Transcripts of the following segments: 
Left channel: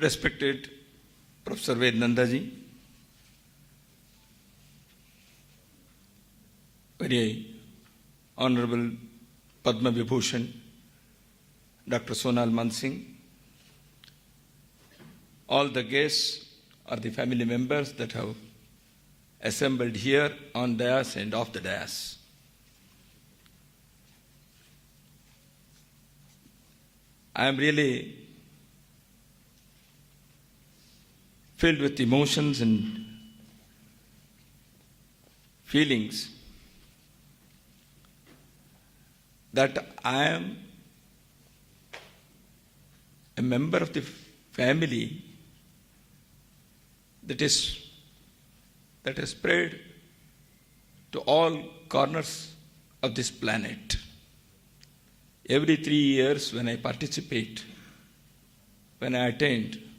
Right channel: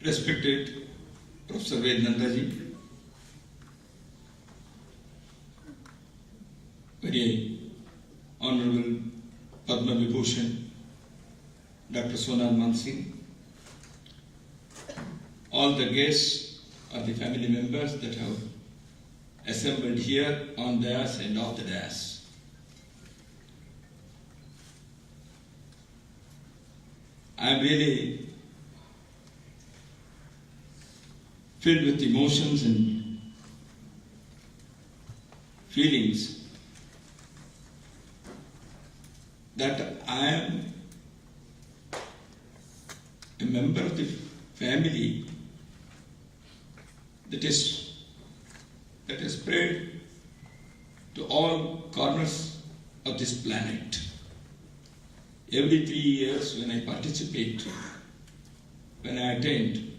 Respected Professor Vednandaji, very Honorable Padma Vibhushan, Dr. Sonal Mansingh, all the guests or the family members that have assembled here on dais and off the dais. I am really filled with emotions and feelings that I am a member of the family that is spread to all corners of this planet. Every 3 years when I participate, when I attend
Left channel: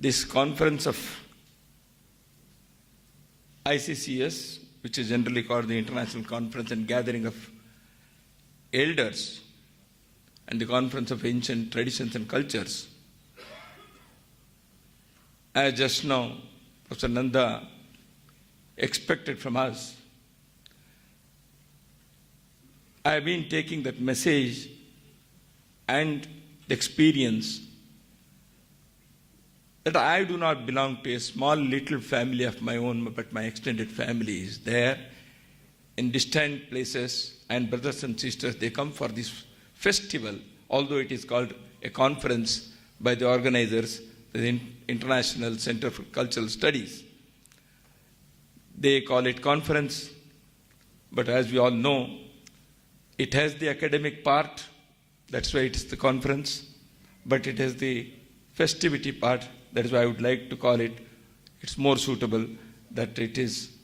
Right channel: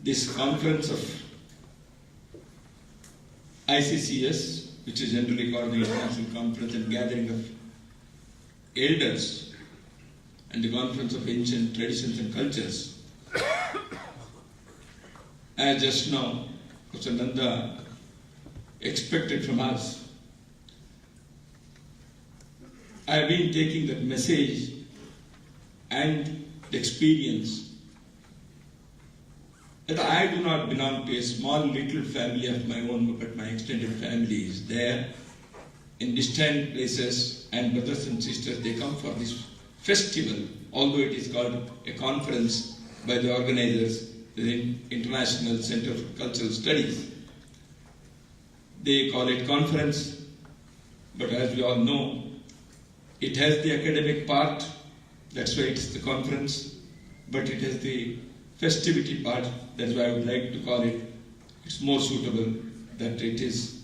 this conference of ICCS, which is generally called the International Conference and Gathering of Elders, and the Conference of Ancient Traditions and Cultures, as just now Professor Nanda expected from us, I have been taking that message and the experience that I do not belong to a small little family of my own, but my extended family is there in distant places, and brothers and sisters, they come for this festival, although it is called a conference by the organizers, the International Center for Cultural Studies. They call it conference, but as we all know, it has the academic part, that's why it is the conference, but it has the festivity part, that's why I would like to call it, it's more suitable that it is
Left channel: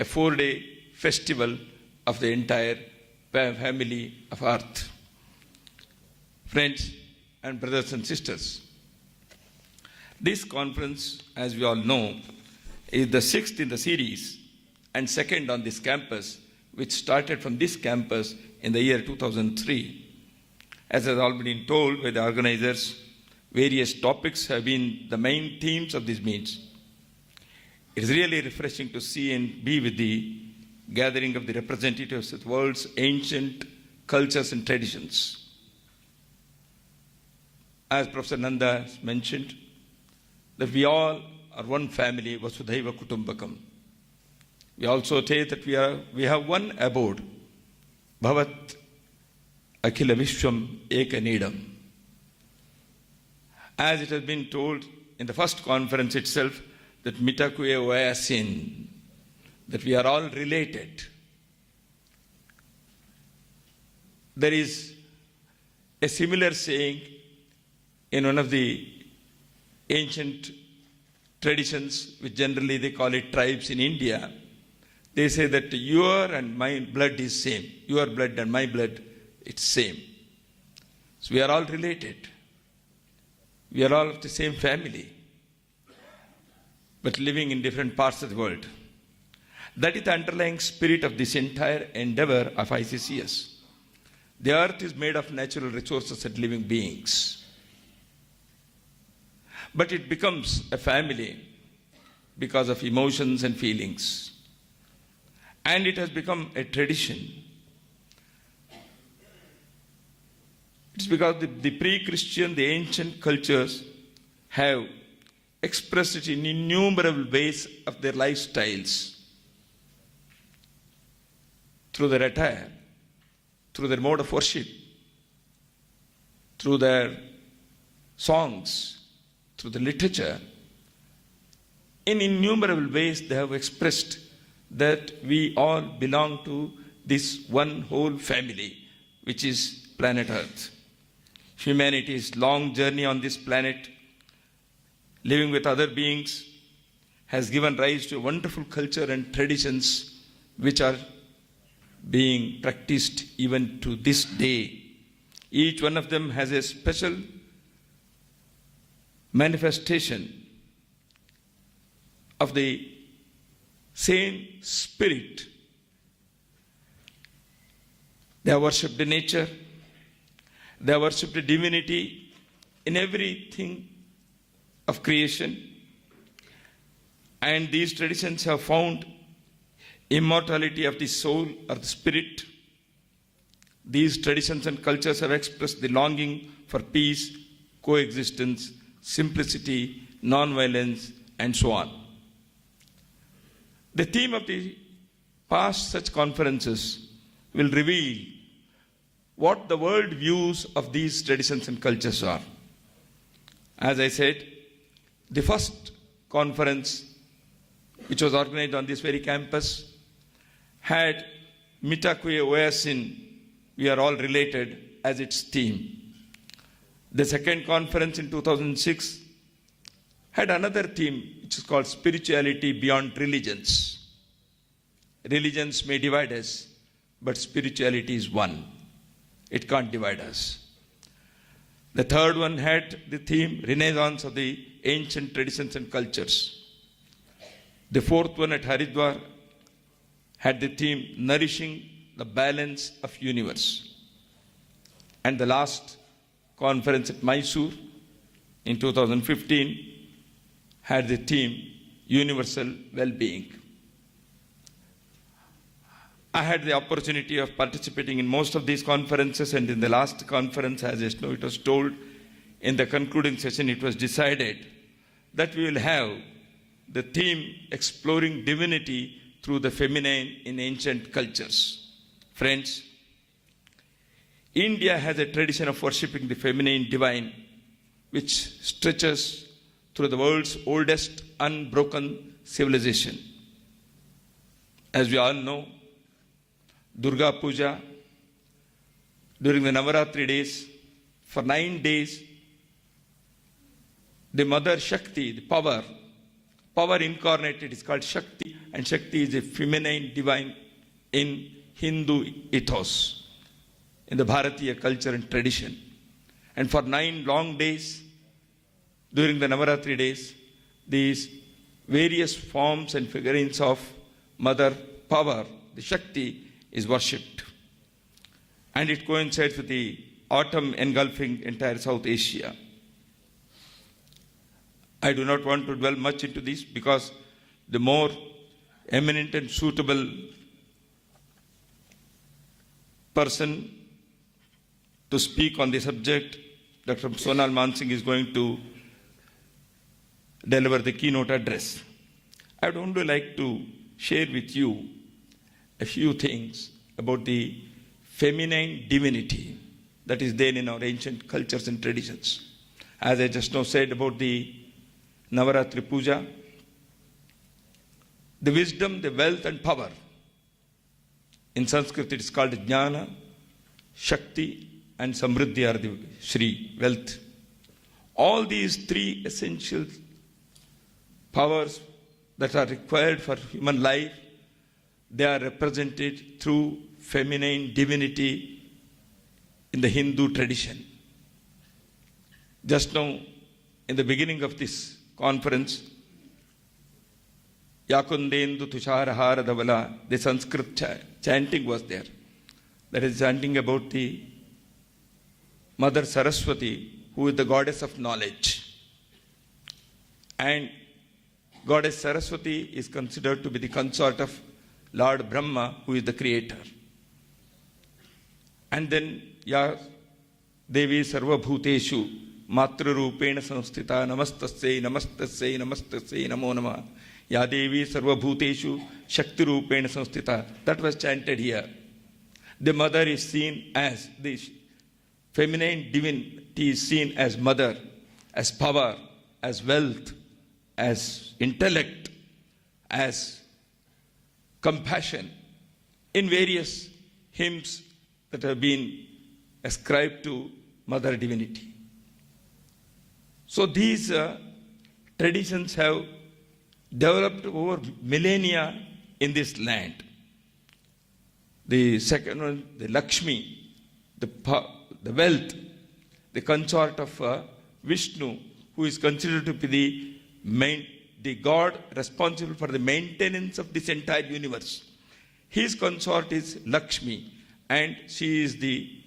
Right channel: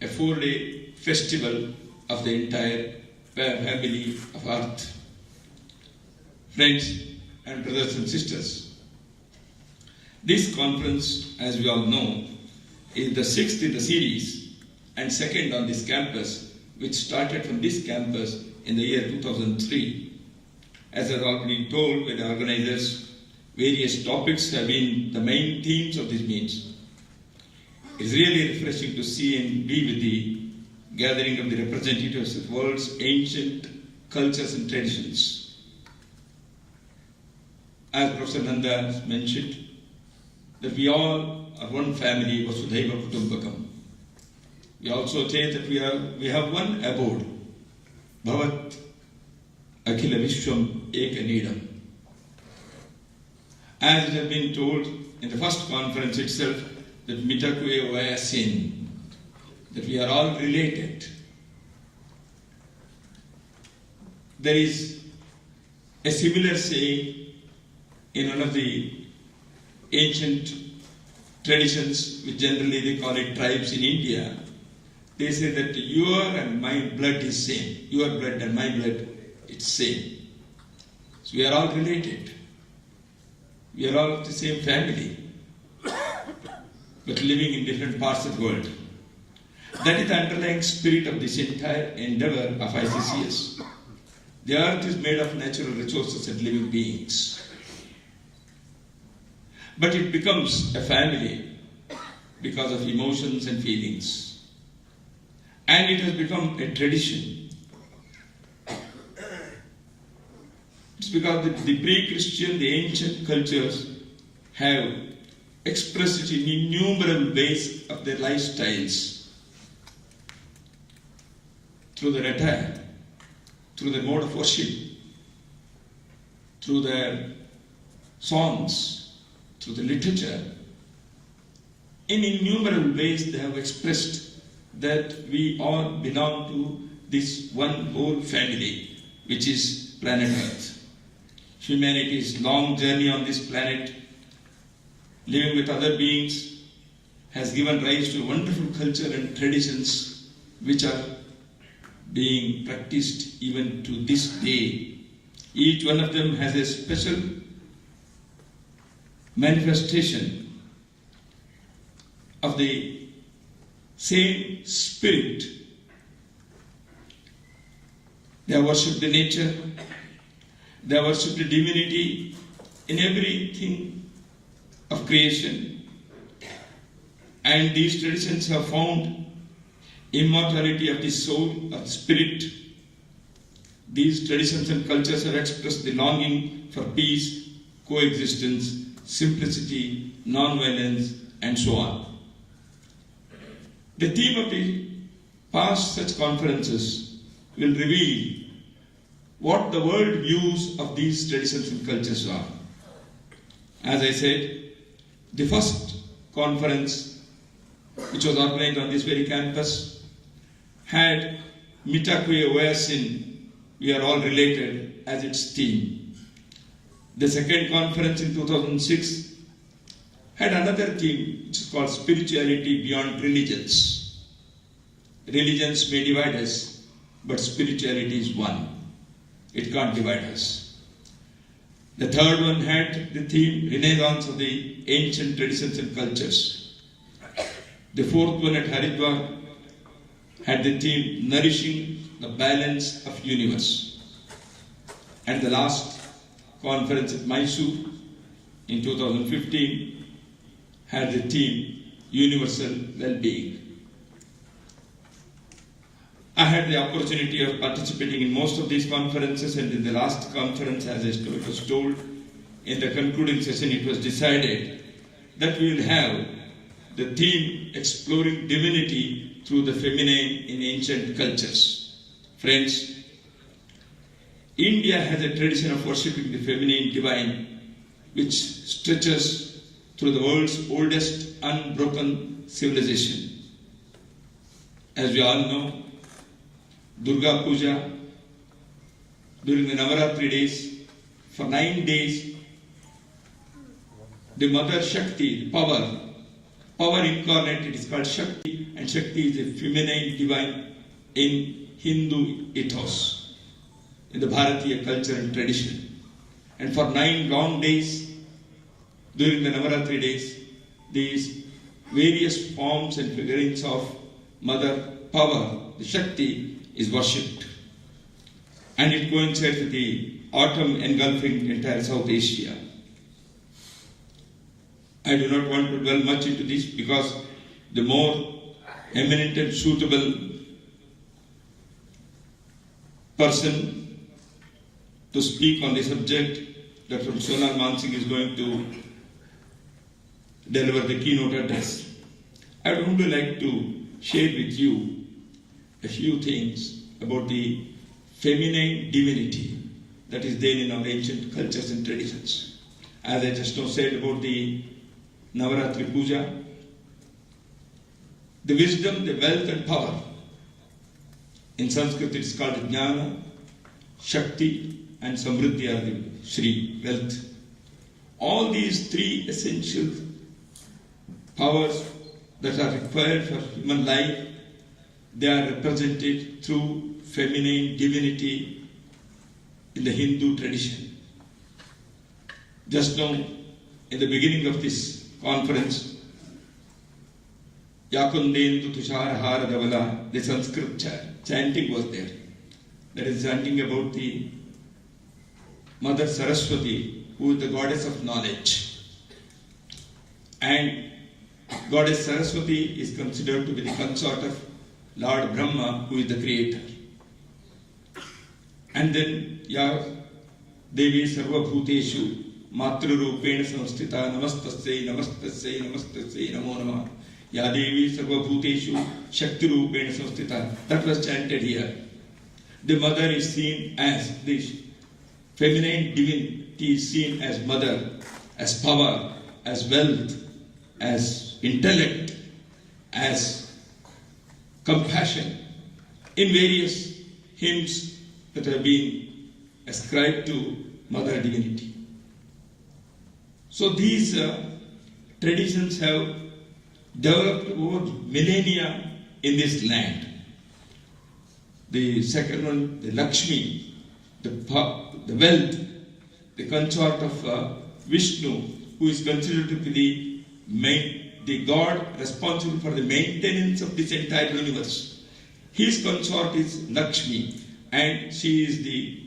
a 4-day festival of the entire family of Earth. Friends and brothers and sisters, this conference, as we all know, is the 6th in the series and 2nd on this campus, which started from this campus in the year 2003. As has already been told by the organizers, various topics have been the main themes of these meets. It is really refreshing to see and be with the gathering of the representatives of the world's ancient cultures and traditions. As Professor Nanda has mentioned, that we all are one family, Vasudhaiva Kutumbakam. We also say that we have one abode, Bhavat Akhila Vishwam Eka Nidam. As it has been told in the first conference itself, that Mitakuya Vayasin, that we are all related. There is a similar saying in one of the ancient traditions, which generally they call it tribes in India. They say that your and my blood is same. Your blood and my blood, it's same. So we are all related. We are all of the same family, but living in different parts of the world. That is the underlying spirit of this entire endeavor of ICCS. The earth is made of natural resources and living beings. But it becomes a family because of emotions and feelings. And it has become a tradition. It's because the pre-Christian, the ancient cultures have expressed it in innumerable ways of their lifestyles. Through their attire, through their mode of worship, through their songs, through the literature. In innumerable ways they have expressed that we all belong to this one whole family, which is planet Earth. Humanity's long journey on this planet, living with other beings, has given rise to wonderful culture and traditions which are being practiced even to this day. Each one of them has a special manifestation of the same spirit. They have worshipped nature, they have worshipped divinity in everything of creation, and these traditions have found immortality of the soul, of the spirit. These traditions and cultures have expressed the longing for peace, coexistence, simplicity, non-violence, and so on. The theme of the past such conferences will reveal what the world views of these traditions and cultures are. As I said, the first conference, which was organized on this very campus, had Mitakwe Oyasin, we are all related, as its theme. The second conference in 2006 had another theme, which is called Spirituality Beyond Religions. Religions may divide us, but spirituality is one. It can't divide us. The third one had the theme Renaissance of the Ancient Traditions and Cultures. The fourth one at Haridwar had the theme Nourishing the Balance of Universe. And the last conference at Mysore in 2015 had the theme Universal Well-Being. I had the opportunity of participating in most of these conferences, and in the last conference, as it was told, in the concluding session, it was decided that we will have the theme Exploring Divinity through the Feminine in Ancient Cultures. Friends, India has a tradition of worshipping the feminine divine, which stretches through the world's oldest unbroken civilization. As we all know, Durga Puja, during the Navaratri days, for 9 days, the Mother Shakti, power incarnated is called Shakti, and Shakti is a feminine divine in Hindu ethos, in the Bharatiya culture and tradition. And for 9 long days, during the Navaratri days, these various forms and figurines of Mother Power, the Shakti, is worshipped. And it coincides with the autumn engulfing entire South Asia. I do not want to dwell much into this because the more eminent and suitable person to speak on the subject, Dr. Sonal Mansingh, is going to deliver the keynote address. I would only like to share with you a few things about the feminine divinity that is there in our ancient cultures and traditions. As I just now said about the Navaratri Puja, the wisdom, the wealth and power. In Sanskrit it is called Jnana, Shakti and Samriddhi are the Shri, wealth. All these 3 essential powers that are required for human life, they are represented through feminine divinity in the Hindu tradition. Just now, in the beginning of this conference, Yakundendu Tushara Davala, the Sanskrit chanting was there. That is chanting about the Mother Saraswati, who is the goddess of knowledge. And Goddess Saraswati is considered to be the consort of Lord Brahma, who is the creator. And then Ya Devi Sarva Bhuteshu Matra Rupena Samstita Namastasya Namastasya Namastasya Namo Namah Ya Devi Sarva Bhuteshu Shakti Rupena Samstita. That was chanted here. The mother is seen as the feminine divinity is seen as mother, as power, as wealth, as intellect, as compassion in various hymns that have been ascribed to Mother Divinity. So these traditions have developed over millennia in this land. The second one, the Lakshmi, the wealth, the consort of Vishnu, who is considered to be the God responsible for the maintenance of this entire universe. His consort is Lakshmi, and she is the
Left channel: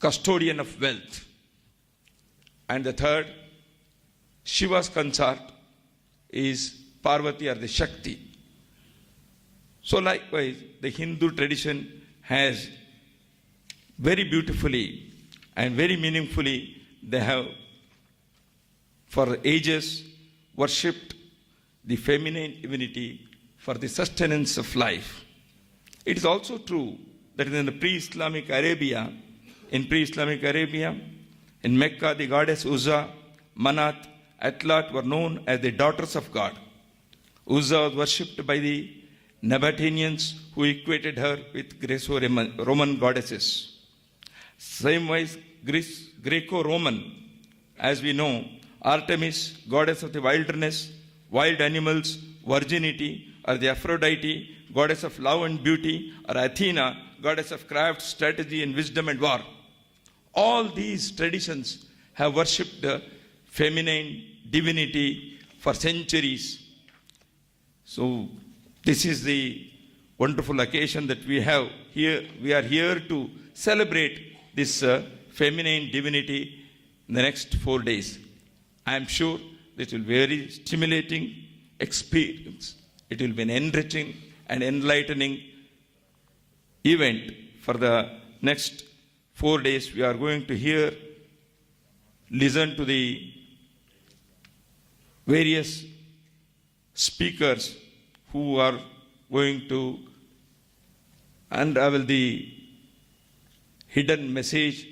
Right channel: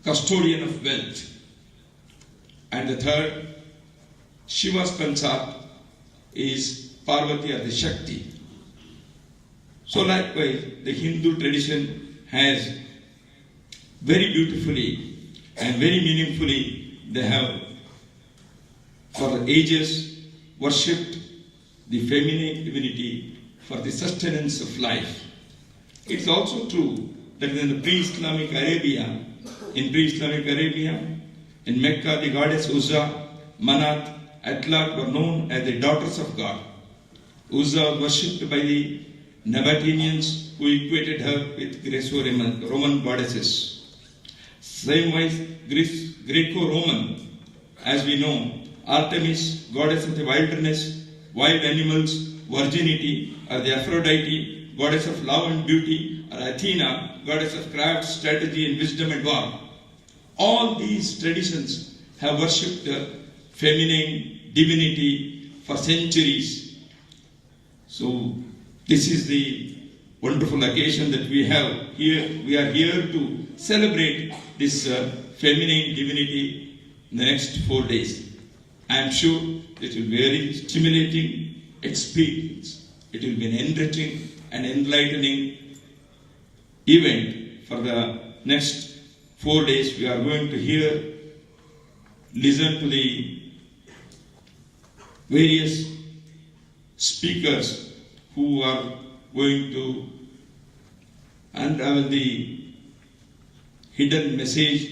custodian of wealth. And the third, Shiva's consort is Parvati or the Shakti. So likewise, the Hindu tradition has very beautifully and very meaningfully, they have for the ages worshipped the feminine divinity for the sustenance of life. It's also true that in the pre-Islamic Arabia, in Mecca, the goddess Uzza, Manat, Atlat were known as the daughters of God. Uzza was worshipped by the Nabateans who equated her with Greco-Roman goddesses. Same way, Greco-Roman, as we know, Artemis, goddess of the wilderness, wild animals, virginity, or the Aphrodite, goddess of love and beauty, or Athena, goddess of craft, strategy, and wisdom and war. All these traditions have worshipped the feminine divinity for centuries. So this is the wonderful occasion that we have here. We are here to celebrate this feminine divinity in the next 4 days. I am sure this will be a very stimulating experience. It will be an enriching and enlightening event for the next 4 days. We are going to listen to the various speakers who are going to unravel the hidden message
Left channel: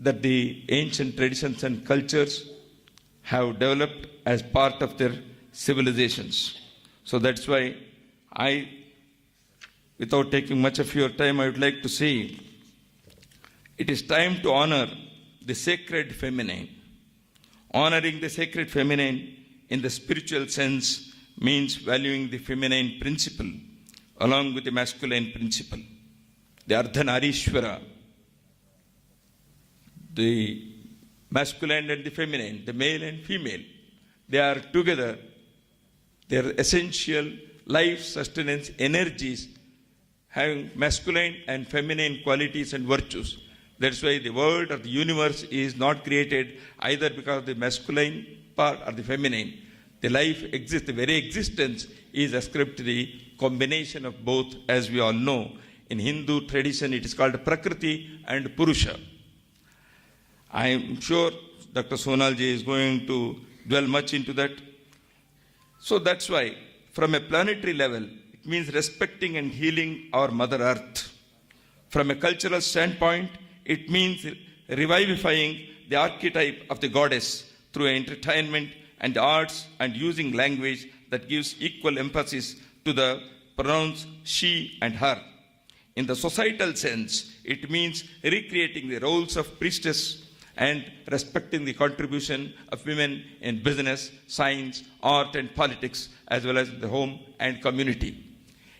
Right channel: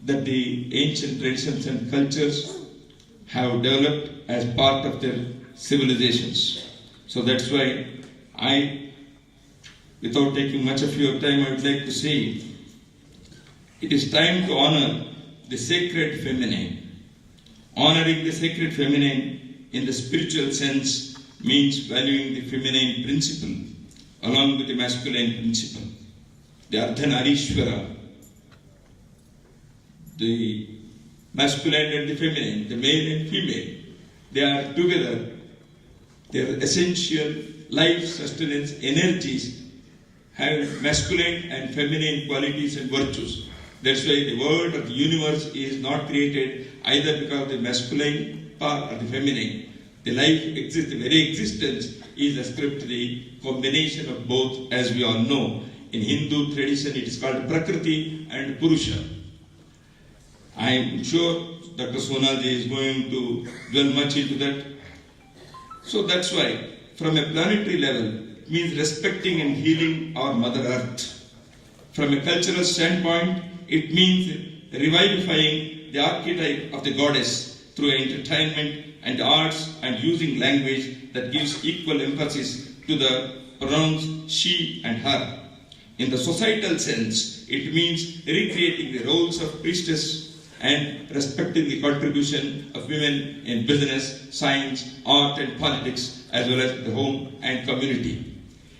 that the ancient traditions and cultures have developed as part of their civilizations. So that's why without taking much of your time, I would like to say, it is time to honor the sacred feminine. Honoring the sacred feminine in the spiritual sense means valuing the feminine principle along with the masculine principle. The Ardhanarishwara, the masculine and the feminine, the male and female, they are together. Their essential life sustenance energies have masculine and feminine qualities and virtues. That's why the world of the universe is not created either because of the masculine part or the feminine. The life exists, the very existence is ascribed to the combination of both, as we all know. In Hindu tradition, it is called Prakriti and Purusha. I am sure Dr. Sonalji is going to dwell much into that. So that's why, from a planetary level, it means respecting and healing our Mother Earth. From a cultural standpoint, it means revivifying the archetype of the goddess through entertainment and arts and using language that gives equal emphasis to the pronouns she and her. In the societal sense, it means recreating the roles of priestess and respecting the contribution of women in business, science, art and politics, as well as the home and community.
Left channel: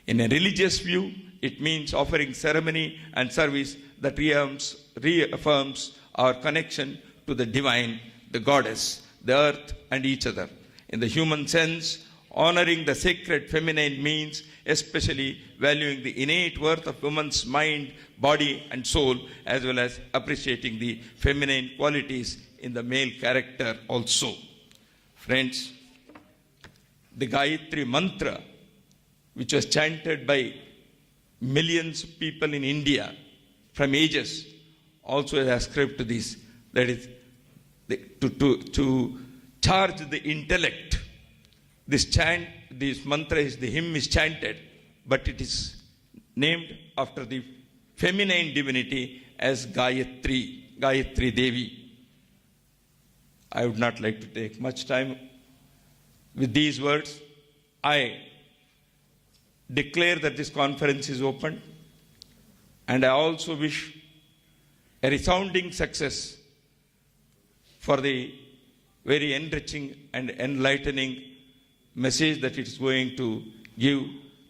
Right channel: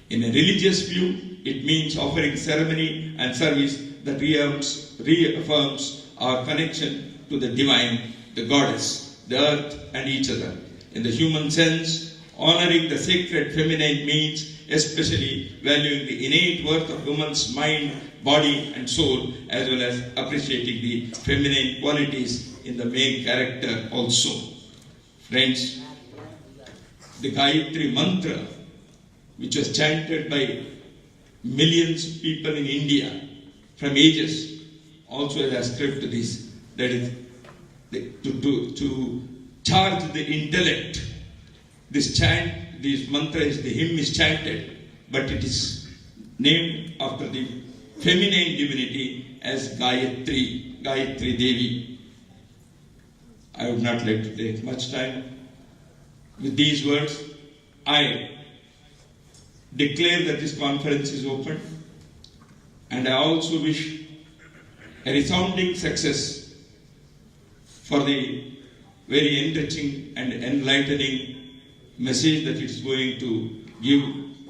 In a religious view, it means offering ceremony and service that reaffirms our connection to the divine, the goddess, the earth and each other. In the human sense, honoring the sacred feminine means especially valuing the innate worth of woman's mind, body and soul, as well as appreciating the feminine qualities in the male character also. Friends, the Gayatri mantra, which was chanted by millions of people in India from ages, also has ascribed to this. That is, to charge the intellect. This chant, this mantra, the hymn is chanted, but it is named after the feminine divinity as Gayatri Devi. I would not like to take much time. With these words, I declare that this conference is open, and I also wish a resounding success for the very enriching and enlightening message that it is going to give,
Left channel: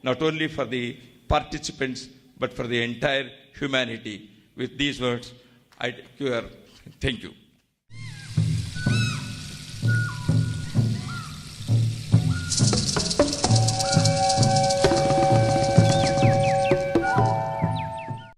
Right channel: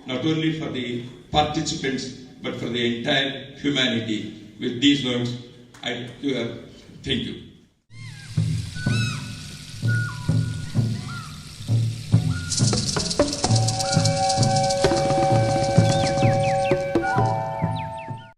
not only for the participants but for the entire humanity. With these words, I thank you.